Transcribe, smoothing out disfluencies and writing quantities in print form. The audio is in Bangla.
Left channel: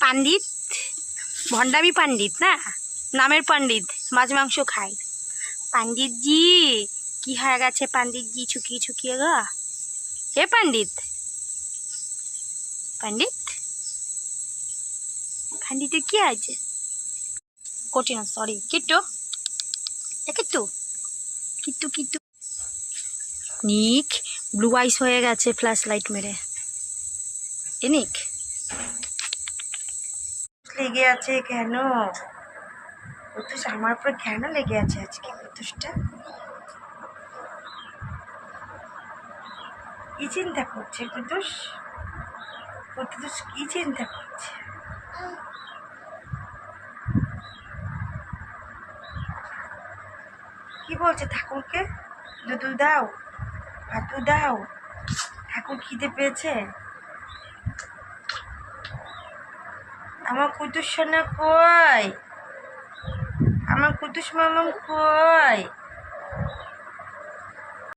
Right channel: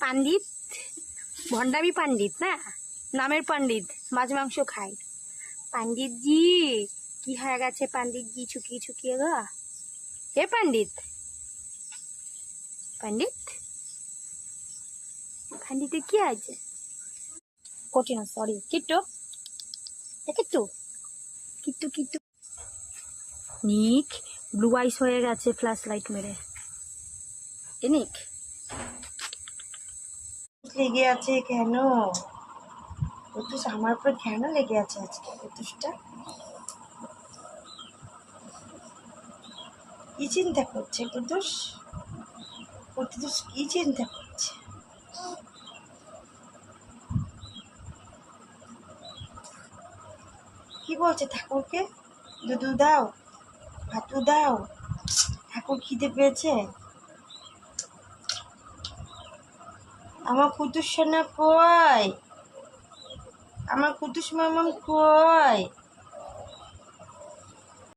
পাণ্ডিত, ভণ্ডামি পাণ্ডিত না, নামের পাণ্ডিত, মাছ মাংস খায়। পাণ্ডিতজি কি হয়ে গেছে? পাণ্ডিতজি ছুকিয়ে ছুকিয়ে গা। হে পাণ্ডিত, পাণ্ডিত, পাণ্ডিতের কি আছে? কঠিন, সরি। কিট্টু, কিট্টু, কিট্টু, কিট্টু। নিক ব্লু আইস হয়ে গেছে ফ্ল্যাশ লাইট মেরে। নিক লেগে আছে কেন? কুতুস আমার উপর কেন লেগে আছে আজকে? কুতুসটা কি চিন্তা করছে? কুতুস, কুতুস কি চিন্তা করছে? কি বলছে ঠাকুরকে? দুধু দাও, ভাতু দাও। ঠাকুর খিদে পেয়েছে। আমার কুতুস সোনা কই? আমার কুতুস মামাম কই?